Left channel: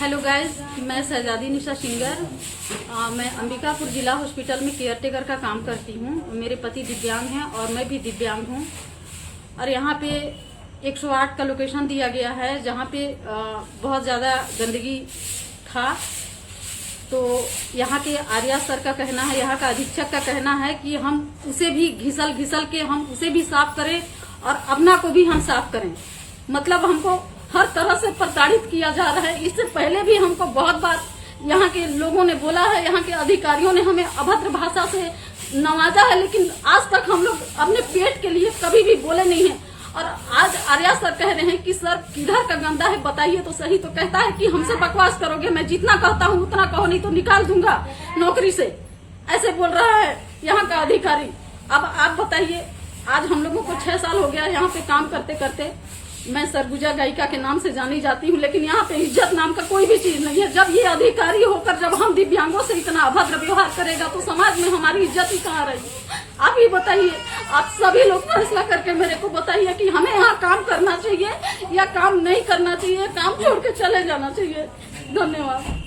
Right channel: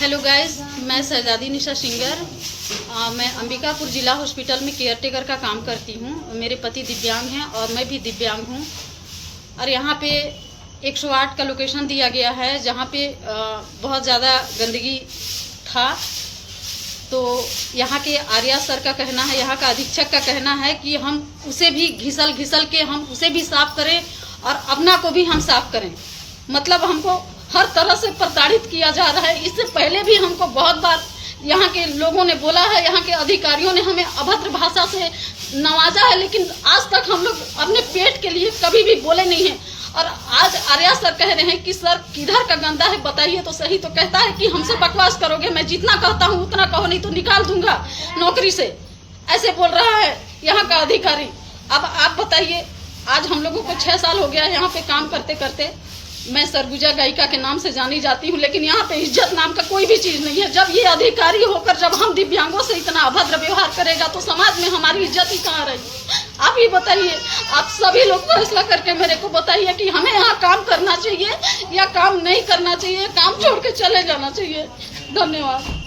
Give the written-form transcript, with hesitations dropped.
Hello guys, मैं शहजादी निशा singer. मैं अंबिकापुर ज़िला हॉस्पिटल में केयर टेकर का काम करती हूँ। मेरे पति दिव्यांग हैं और मैं भी दिव्यांग हूँ। और यहाँ पे 108 का लोकेशन दिया गया है जहाँ पे बहुत ज़्यादा गंदगी था। तो यहाँ के आर्या सर का कहना है, यहाँ का अधीक्षक का कहना है कि हम उसे भी घिसल के हम उसे भी साफ करें और अपना को भी हम साफ करें। मतलब हमको हर तरह से प्रताड़ित किया जा रहा है। इससे पहले भी हमको बहुत बार यहाँ के लोगों ने बोला है, यहाँ के अधिकारियों ने हमें अभद्र भाषा से नवाजा है, लेकिन आज तक हम लोग अपने पेट के लिए कभी भी बोले नहीं हैं। और आज आर्या सर कह रहे हैं कि सर किधर का गंदा है बताइए तो सही। तो कहता है कि हमसे बकवास करोगे, मैं जितना कहता हूँ उतना कहो, नहीं तो निकाल दूंगा नौकरी से, ऐसे बोल रहा है यहाँ का अधिकारी। अब आप बताइए, आज हम लोगों को 6 साल हो गया यहाँ पे काम करते करते। मैं सरगुजा गायिका के नाम से जानी जाती हूँ, लेकिन यहाँ पे इज्जत नाम का कोई भी चीज़ नहीं है। जब ये अधिकारी होकर जब हम दिव्यांगों से इतना अभद्र व्यवहार करेगा तो समाज में हमारी इज्जत ही कहाँ रहेगी? आप ही बताइए, आप सभी लोग फैसला करके मेरे को बताइए कि हमें यहाँ काम करना चाहिए या काम नहीं करना चाहिए, काम छोड़ के चले जाना चाहिए। धन्यवाद।